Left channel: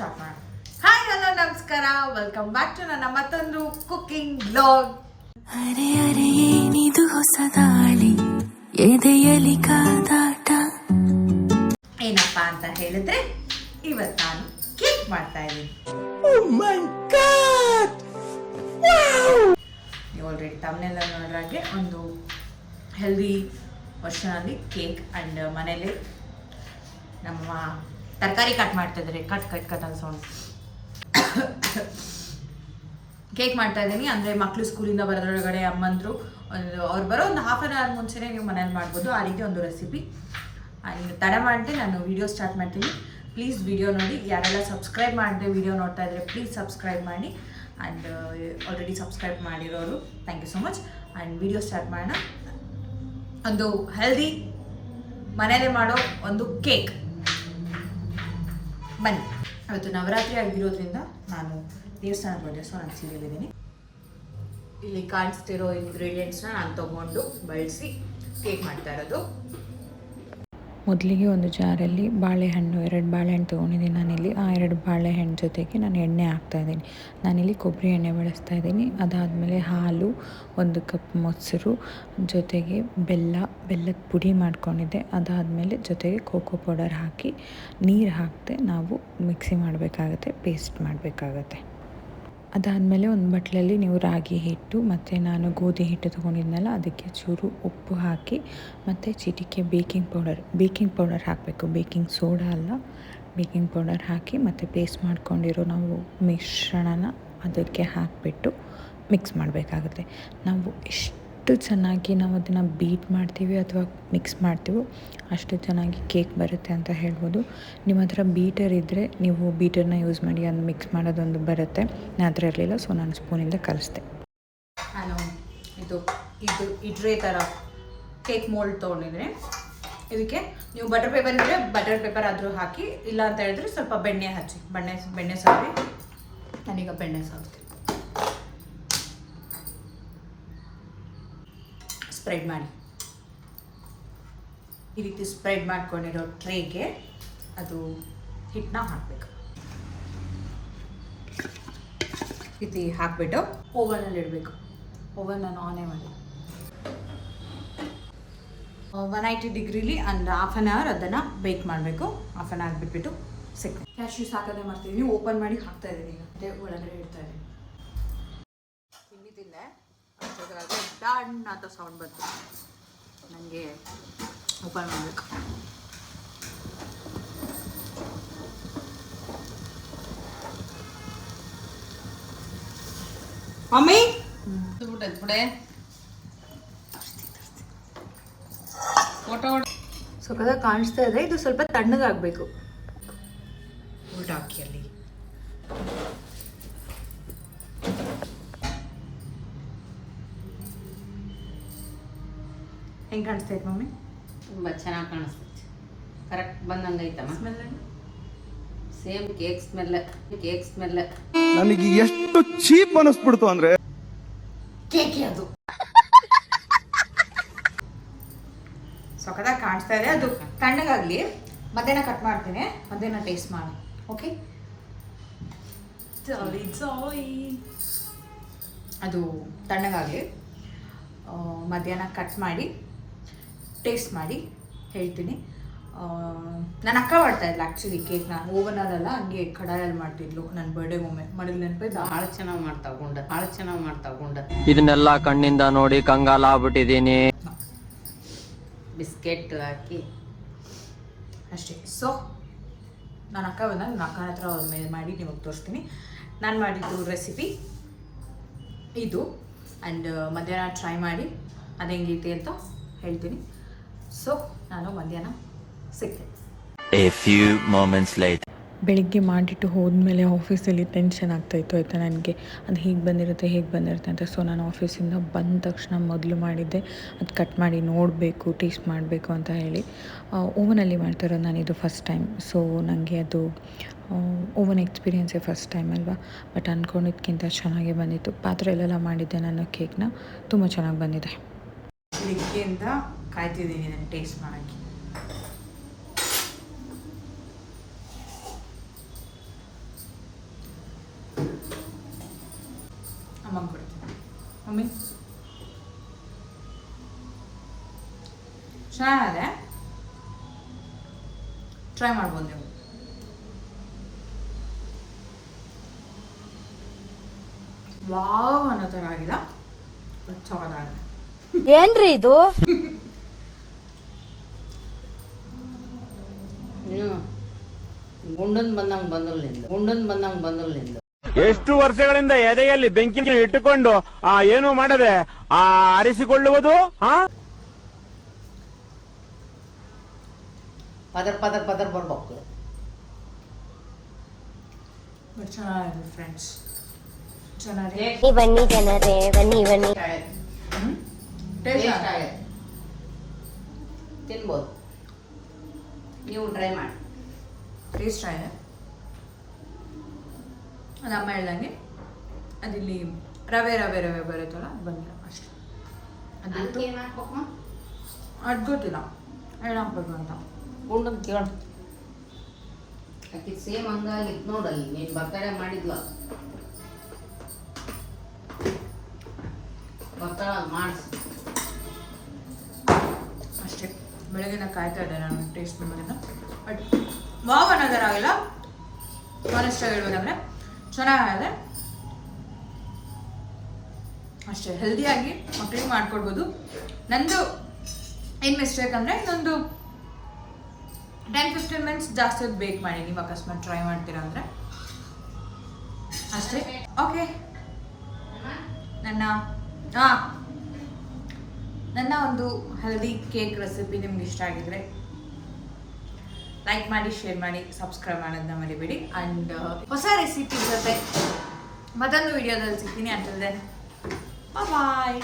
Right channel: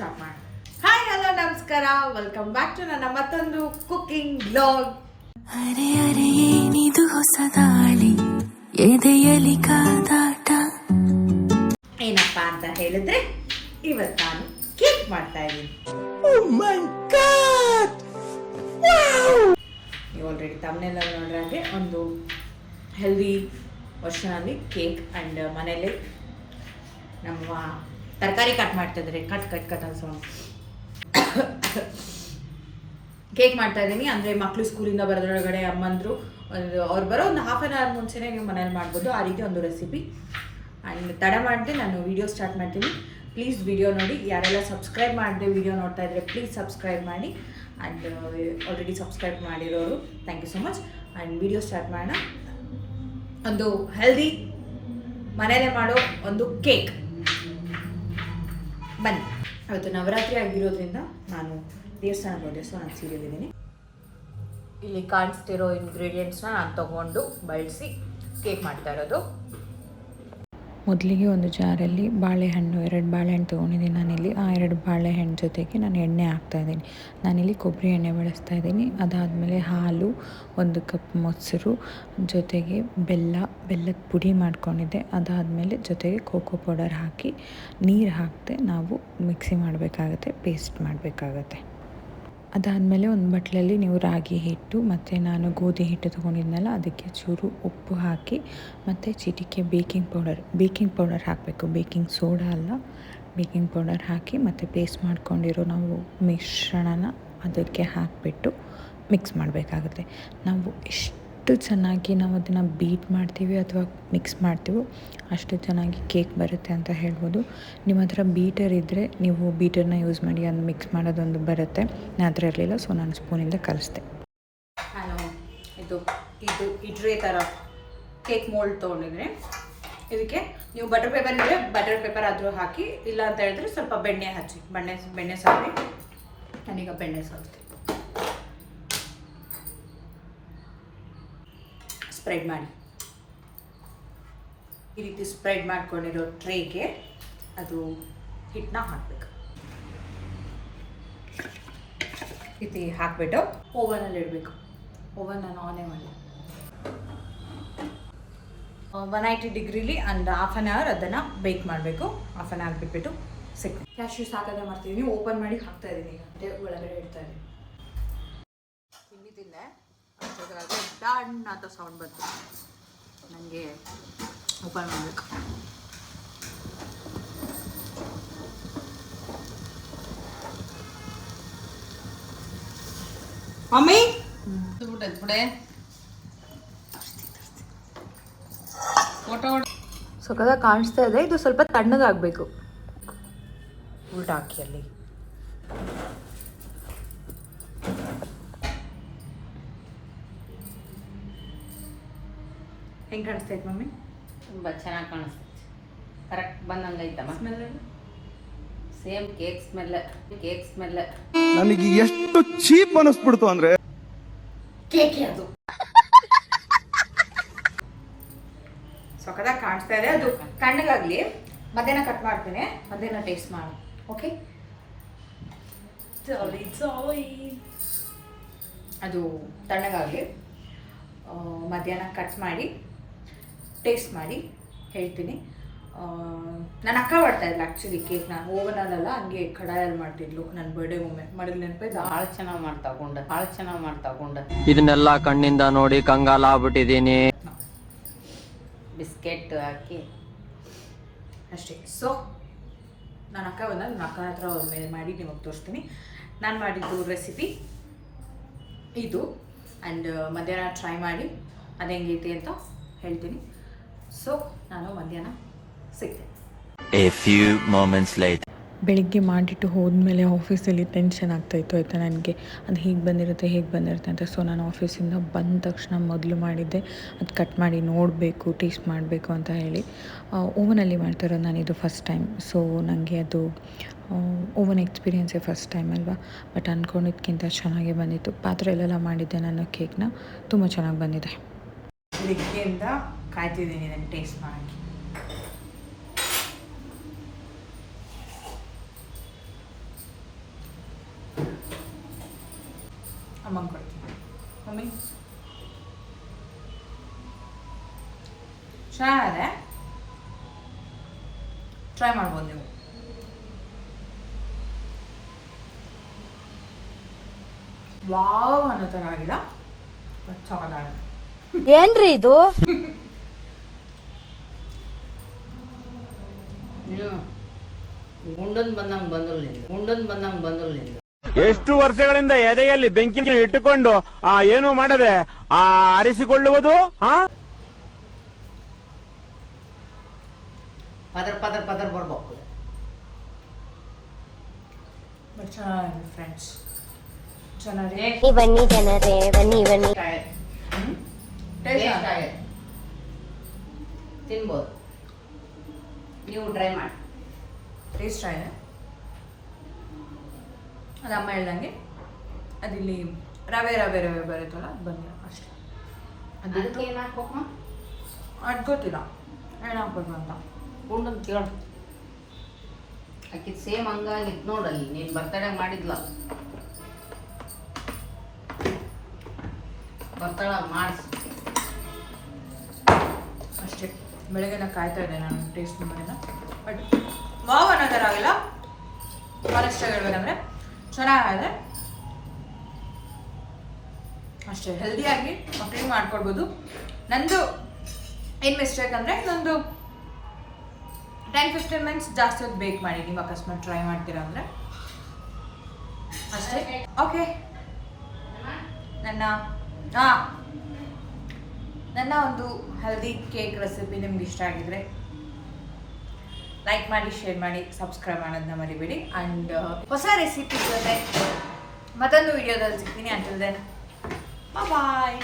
Start ಮಾಡೋಣ. Hi hello ನಮಸ್ಕಾರ. Welcome back to ನನ್ನ ಮತ್ತೊಂದು ಕುಕಿಂಗ್ ಬ್ಲಾಗ್ ಅರೆ ಅರೆ ಏನಿದು ಹೊಸ ದಾಳಿ? ಎದೆಯಲಿ ಕಾದಾಟ? ಏನಪ್ಪ ಅಂತ ಹೇಳಿದ್ರೆ ಇವತ್ತು ನಾನು ಕೇಕ್ ಮಾಡ್ತಾ ಇದ್ದೀನಿ. ನೀವು ಆಲ್ರೆಡಿ ತಮ್ಮನೆಲ್ಲ ನೋಡ್ರಾಗೆ ಒಂದು ಹೆಲ್ದಿ ವರ್ಷನಲ್ಲಿ ಕೇಕ್ ಆ್ಯಂಡ್ ಮನೇಲಿ ನಮ್ಮ ತರಕಾರಿ ಕಟ್ ಮಾಡ್ತಿದ್ರಿ. ಕಟ್ ಕಟ್ ಕಟ್ ಅಂತ ಸೌಂಡ್ ಕೇಕ್ ಮಾಡ್ತಾ ಇದ್ದೀನಿ. ಅಂದರೆ ಮಕ್ಕಳು ಸ್ಕೂಲಿಂದ ಬರೋದ್ರೊಳಗಡೆ ಅಮ್ಮಂದರು, ಒಂದು ಅವ್ರು ಬರೋ ಒಂದು ಹಾಫ್ ಆನ್ ಅವರ್ ಮುಂಚೆನೇ ನೀವು ಮನೇಲಿ ಮಾಡ್ಬೋದು. ಆ ರೀತಿ ಒಂದು ರೆಸಿಪಿ ಆ್ಯಂಡ್ ತಡ ಮಾಡಿದೆ, ನಾನು ವೀಡಿಯೋ ಸ್ಟಾರ್ಟ್ ಮಾಡ್ತೀನಿ. ಪ್ಲೀಸ್ ವಿಡಿಯೋ ನೋಡಿ. ಯಾರೆಲ್ಲ ಸಬ್ಸ್ಕ್ರೈಬ್ ಮಾಡಿದೆ ವಿಡಿಯೋ ನೋಡ್ತಾ ಇದ್ರೆ ಪ್ಲೀಸ್ ಸಬ್ಸ್ಕ್ರೈಬ್ ಮಾಡಿ. ಆ್ಯಂಡ್ ಆಲ್ರೆಡಿ ಸಬ್ಸ್ಕ್ರೈಬ್ ಮಾಡಿರೋರು thank you so much and video start ಮಾಡೋಣ. ಒಂದು ಹೆಲ್ದಿ ಮನೇಲೆ ಮಾಡೋ ಒಂದು ಕೇಕ್ ಬನ್ನಿ. ಅದು ನವರಾತ್ರಿ ಆಗಿರೋದ್ರಿಂದ ನಾನು ದೇವಸ್ಥಾನಕ್ಕೆ ಬಂದೆ ಸೊ ನಾನು ಸೀರಿಯಲ್ ಇದ್ದೀನಿ ಇಲ್ಲಿ ಕಾಣಿಸ್ತಿರೋ ಇಂಗ್ರೀಡಿಯೆಂಟ್ಸ್ನ ನಾನು ತೊಗೊಂಡು ಬಳಸಿ ಕೇಕ್ ಮಾಡ್ತಾ ಇರೋದು. ಮೊದಲಿಗೆ ಒಂದು ಜಾರಲ್ಲಿ ಬಾಳೆಹಣ್ಣು, ಎರಡು ಬಾಳೆಹಣ್ಣು ತೊಗೊಂಡಿದ್ದೀನಿ. ನಾನಿಲ್ಲಿ ಆ ಎರಡು ಬಾಳೆಹಣ್ಣು ಜೊತೆಗೆ ನಾನು ಎಣ್ಣೆ ಹಾಕ್ತಾಯಿದ್ದೀನಿ ನಾನಿಲ್ಲಿ ಕೊಬ್ಬರಿ ಎಣ್ಣೆ ಬಳಸ್ತಾ ಇದ್ದೀನಿ. ಅದಾದಮೇಲೆ ಹಾಲು, ಒಂದು ಕಪ್ ಮೊಸರು, ಜೊತೆಗೆ ಬೆಲ್ಲ, ಬೆಲ್ಲದ ಪುಡಿ ಮಾಡ್ಕೊಂಡಿದ್ದೆ. ಅದಾದಮೇಲೆ ಜೊತೆಗೆ ಕೋಕೋ ಪೌಡರ್ ಹಾಕಿ ನೀರು ಹಾಕದೆ ನಾವು ಮಿಕ್ಸಿ ಮಾಡಬೇಕಾಗತ್ತೆ, ಪೇಸ್ಟ್ ಮಾಡಬೇಕಾಗತ್ತೆ. ಅದಾದಮೇಲೆ ಒಂದು ಬಟ್ಟಲಲ್ಲಿ ನೀವು ರಾಗಿ ಹಿಟ್ಟು ಮತ್ತು ನಾನು ಗೋಧಿ ಹಿಟ್ಟು ತೊಗೊಂಡಿದ್ನಲ್ಲ, ಅದಕ್ಕೆ ಚೂರು ಉಪ್ಪು ಹಾಕಿ ಮತ್ತು ಚಿಟಿಕೆ ಬೇಕಿಂಗ್ ಪೌಡರ್ ಬೇಕಿಂಗ್ ಪೌಡರ್ ಹಾಕಬೇಕು. ಬೇಕಿಂಗ್ ಸೋಡಾ ಅಲ್ಲ, ಬೇಕಿಂಗ್ ಪೌಡರ್ ಹಾಕಿ ಮತ್ತು ಪೇಸ್ಟ್ ಮಾಡ್ಕೊಂಡಿರೋ ನಾವು ಮಿಶ್ರಣನ ಅದಕ್ಕೆ ಹಾಕಿಬಿಟ್ಟು ಮಿಕ್ಸ್ ಮಾಡಬೇಕಾಗುತ್ತೆ. ನಾವು ಎಷ್ಟು ಚೆನ್ನಾಗಿ ನಾವು ಅದನ್ನು ಬೀಟ್ ಮಾಡ್ತೀವಿ ಅಥವಾ ಮಿಕ್ಸ್ ಮಾಡ್ತೀವೋ ಅಷ್ಟು ಚೆನ್ನಾಗಿ ಕೇಕ್ ಬರುತ್ತೆ ಅಂತ ಹೇಳ್ಬೋದು. ನಿಮ್ಮ ಹತ್ರ ಬೀಟರ್ ಇದ್ದರೆ ನೀವು ಬೀಟರ್ನ ಯೂಸ್ ಮಾಡಿ ಅದು ಮಿಕ್ಸ್ ಮಾಡೋದೊಂದು ಬರುತ್ತೆ. ನನ್ನ ಹತ್ರ ಇರಲಿಲ್ಲ ಸೊ ನಾನು ಸ್ಪೂನಿಂದ ಕಲಿಸ್ದೆ. ನಾನು ಇದು ಇದು ಇಡ್ರೆ ಥರ ಕೇಕ್ ಮೋಲ್ಡ್ ತೊಗೊಂಡಿದ್ರೆ ಇದಕ್ಕೆ ನೀವು ಬಟರ್ ಪೇಪರ್ ಇದ್ದರೆ ಬಟರ್ ಪೇಪರ್ ಆದರೂ ಹಾಕಿ ಇಲ್ಲ ಅಂತ ಹೇಳಿದ್ರೆ ಸ್ವಲ್ಪ ಬೆಣ್ಣೆ ಹಚ್ಚಿ, ಬೆಣ್ಣೆ ಬೆಣ್ಣೆ ಸಾರಿ ನಾನೀಗ ಬೆಣ್ಣೆ ಸಾರಿಸ್ತೀನಿ ಸ್ಪ್ರೆಡ್ ಮಾಡಿ. ಈ ರೀತಿ ಸ್ಪ್ರೆಡ್ ಮಾಡ್ಕೊಂಡಿರೋ ಟ್ರೇಗೆ ಅದು ಹಿಟ್ಟನ್ನ ಹಾಕಬೇಕು. ರೀತಿ ಹಾಕಿಬಿಟ್ಟು ಓವನಲ್ಲಿ ಇಡಬೇಕು. ಓವನ್ ನಾನು ಆನೇ ಮಾಡಿ. ಒನ್ ಐಟಿ ಡಿಗ್ರಿಲಿ ಅಂಡ್ ಹಾಫ್ ಆನ್ ಅವರ್ ಅದನ್ನು ಬೇಕ್ ಮಾಡಬೇಕು. ಹಾಫ್ ಆನ್ ಅವರ್ ಬಿಟ್ಬಿಟ್ಟು ಸಿಕ್ ಕ್ಯಾಶ್ಯೂಸ್ ಹಾಕೋದೇ ಮಾಡ್ತಿದ್ದೀನಿ ಓಪನ್ ಮಾಡಿ ಹಾಕ್ತಾ ಇದ್ದೀನಿ ಈಗ. ಅದೇ ಒಳಗಡೆ ಇಡ್ತಾ ಇದ್ದೀನಿ. ತಿಂಡಿ ಡನ್ ಅಂತ ಸೌಂಡ್ ಬಂತು. ನನಗೆ ಓಪನ್ ಮಾಡಬೇಕು. ಮಮ್ಮಿ? ಬಿಡೆ. ಫೋಟೋ ಕಾಣಿಸ್ತಾ ಇದೆ. ಇದು ಸ್ವಲ್ಪ ತಣ್ಣಗಾಗಬೇಕು. ಊಟ ಹಾಕಿ ಅಲ್ಲಿ. ಹೆಂಗೆ ಕಾಣಿಸ್ತೈತೆ ಮಮ್ಮಿ? ತುಂಬ ಚೆನ್ನಾಗಿ ಕಾಣಿಸ್ತೈತಿ ಕರೆಕ್ಟ್ ಬಂದಂಗೆ ಐತಮ್ಮ same cake smell cake smell ನನಗೆ ಎಷ್ಟು ಚೀಪ್ ಅನಿಸ್ಬಿಡ್ತು ಅಂದ್ರೆ ಕೇಕ್ ಅದು. ಸೊಕದಾಗ ಕಾಣಿಸ್ತಾ ಇದೆ. ಅದು ತಣ್ಣಗಾಗಲಿ. ಮಧ್ಯಾಹ್ನ ಕಟ್ ಮಾಡ್ತೀನಿ. ಮಧ್ಯಾಹ್ನ ಟೇಸ್ಟ್ ಮಾಡಿ. ಓಕೆ ಅದು ತಣ್ಣಗಾಗಲಿ. ಮಧ್ಯಾಹ್ನ ಕಟ್ ಮಾಡಿ. ಟೇಸ್ಟ್ ಮಾಡಿ ಹೇಳ್ತೀನಿ. ನನ್ನ ಅಕ್ಕ ಮಾಡ್ತಾ ಇದ್ಲು ಆ್ಯಕ್ಚುಲಿ ಕೇಕ್ ನಾನು. ಓವನಲ್ಲ ಹಂಗೆ ಕಡಾಯಲ್ಲಿ ಮಾಡ್ತಿದ್ಲು ನನ್ನ ಬರ್ಡೇ ಒಮ್ಮೆ ಮಾಡಿದ ನೆನಪಿದ್ದ? ಭಾಳ ಚೆನ್ನಾಗಿ ಮಾಡ್ತಾ ಗುಂಡ ಭಾಳ ಚೆನ್ನಾಗಿ ಮಾಡ್ತಾ ಕೊಂಡ ಇದನ್ನೆಲ್ಲ ಕಣ್ಣಿಂದ ನೋಡಿ ಕಂಗಾಲ ಆಗ್ಬಿಟ್ಟಿದ್ದೀನಿ. ಬಿಸ್ಕೆಟ್ ಹಾಕಿ. ಅಷ್ಟೇ. ಸೊ ನನ್ನ ಅಕ್ಕ ಬಂದ ನನ್ನ ಅಕ್ಕನ ಹತ್ರ ಒಮ್ಮೆ ಮಾಡಿ ನಿಮಗೆ ತೋರಿಸ್ತೀನಿ. ನಾನು ಮಾಡಿದ್ದು ರೆಸಿಪಿ ಇದು. ಆ್ಯಂಡ್ ಮಧ್ಯಾಹ್ನ ಟ್ರೈ ಮಾಡಿ ಅದು ಹೆಂಗೈತಿ ಅಂತ ಹೇಳ್ತೀನಿ. ಸೊ ನಾನು ಮಧ್ಯಾಹ್ನ ಸಿಗ್ತೀನಿ. A few moments later. ಬೆಳಿಗ್ಗೆ ಮಾಡಿಟ್ಟು ಹೋದ್ಮೇಲೆ ಆಫೀಸಲ್ಲಿ ಟೆನ್ಷನ್ ಆಗ್ತಾಯಿತ್ತು ಆಯಿತಾ ನನಗೆ? ಅದು ಹೀಗೆ ಬಂದಿರುತ್ತೆ ಹೇಗೆ ಬಂದಿರುತ್ತೆ ಅಂತ. ಸೊ ನಾನು ಆಫೀಸಿಂದ ಬಂದ ತಕ್ಷಣ ಮೊದಲು ಮಾಡಿದ್ದೆ. ಅದು ಕಟ್ ಮಾಡಿ ನೋಡಬೇಕು ಟೇಸ್ಟ್ ಮಾಡಬೇಕು ಅಂತ ಹೇಳಿ. ಓವನಲ್ಲಿ ಮಾಡ್ತಿರೋದು ನಾನು ಇದು ಫಸ್ಟ್ ಟೈಮ್ ಸೊ ನನಗೆ ಅದು ಓವನ್ ಎಕ್ಸ್ಪೀರಿಯೆನ್ಸೇ ಫಸ್ಟ್ ಟೈಮ್ ಅಲ್ವಾ? ಬಟ್ ಅಂದ್ಕೊಂಡಿದ್ದಕ್ಕಿಂತ ಚೆನ್ನಾಗೇ ಬಂದಿತ್ತು. ಪಾತ್ರೆಯಲ್ಲೆಲ್ಲ ಮಾಡಿದ್ದೆ ನಾನು ಕೇಕ್ನ ತುಂಬ ಚೆನ್ನಾಗಿ ಬಂದಿದೆ. ಬೆಳಿಗ್ಗೆಯಿಂದ ಕಾಯ್ತಿದ್ದೀನಿ ಇದನ್ನು ಟೇಸ್ಟ್ ಮಾಡೋಕ್ಕೆ. ಅಮ್ಮಂಗೆ ಕೊಡ್ತೀನಿ. ಮಮ್ಮಿ? ಚೆನ್ನಾಗಿದೆ ಟ್ರೈ ಮಾಡ್ಬೋದು ನೀವು. ವಾವ್ ಅನ್ನೋ ಥರ ಆಗಿಲ್ಲ ಚೆನ್ನಾಗಿದೆ ಏನ್ರಿ ಇದು? ಬಂದಂಗೆ ಬಂದಂಗೆ ನಿಂದು. ಎಷ್ಟು ವರ್ಷಗಳಿಂದ ಎದೆಯಲ್ಲಿ ಬೆಂಕಿ ಇಟ್ಟುಕೊಂಡು ಆ ಏನು ಮಾಡದೆ ಆ ಅರಿಸಿಕೊಳ್ಳುವುದು ಹಾ ಪದರ್ ಪದರ್ ಪದರ್ ಬರ್ಬೇಕು. ಬಟ್ ಚೆನ್ನಾಗಿದೆ ಫ್ರೆಂಡ್ಸ್ ಚೆನ್ನಾಗಿದೆ. ಬನ್ನಿ ಜನರೇ ಬನ್ನಿ ಬನ್ನಿ. ಟೇಸ್ಟ್ ತಿನ್ಬೋದು. ನೀವು ಟ್ರೈ ಮಾಡಿ. ಟೇಸ್ಟ್ ಆಗಿದೆ ಅದು ಅಮ್ಮ ಹೇಳ್ದಂಗೆ ಅದಿಲ್ಲಿ ರವೆ ರವೆ ರವೆ ಬರುತ್ತಲ್ಲ ಅದು ಬಂದಿಲ್ಲ ಅಷ್ಟೇ. ಅದು ಅದು ಗೊತ್ತಿಲ್ಲ. ಹಾಕ್ಬೇಕು ಅಂತ. ಗುಂಡನ್ ಕೇಳು ಆಕೆ ಸೇಮ್ ಹಂಗಾಗಿತ್ತು ನೋಡಲ್ಲಿ ನೀನು ಬರ್ತಡೆ ಮಾಡಿದ್ಲ. ಬರ್ತಡ ಮಾಡಿಸಿ. ಅಷ್ಟೇ. ಬೆಳಗ್ಗೆ ನಾನು ಕಾಯ್ತಾ ಇದ್ದೆ ನಾನು ಟೇಸ್ಟ್ ಮಾಡಿದ ಬಟ್ ವಾವ್ ಆಗಿಲ್ಲ. ಆನೆಸ್ಟಾಗಿ ಹೇಳ್ಬೇಕಂದ್ರೆ ಚೆನ್ನಾಗಿದೆ. ಅಷ್ಟೇ ಹೆಲ್ದಿಯಾಗಿ ಮಕ್ಕಳಿಗೆ ಮಾಡ್ಕೊಡ್ಬೋದು. ನಂದು ಏನು ಮಿಸ್ಟೇಕ್ ಅಂದರೆ ಇನ್ನೊಂದು ಟೆನ್ ಫಿಫ್ಟೀನ್ ಮಿನಿಟ್ಸ್ ಜಾಸ್ತಿ ಹೊತ್ತು ಬೇಕ್ ಮಾಡಿ ನೀವು ಅಕಸ್ಮಾತ್ ಟ್ರೈ ಮಾಡ್ತೀರಾ ಅಂದರೆ. ಅಷ್ಟೇ. ಓಕೆ ನನ್ನ ಹಾಂ ನನ್ನ ಒಂದು ಹೆಲ್ದಿ ಕೇಕ್ ರೆಸಿಪಿ ನಿಮ್ಗೆ ಇಷ್ಟ ಆಗಿದ್ರೆ. ಲೈಕ್ ಮಾಡಿ ಶೇರ್ ಮಾಡಿ ಸಬ್ಸ್ಕ್ರೈಬ್ ಮಾಡೋದನ್ನ ಮರಿಬೇಡಿ. ಆ್ಯಂಡ್ ಹೊಸ ರೆಸಿಪಿ ಜೊತೆ ಮತ್ತೊಂದು ವಿಡಿಯೋದಲ್ಲಿ ಸಿಗ್ತೀನಿ. Until then bye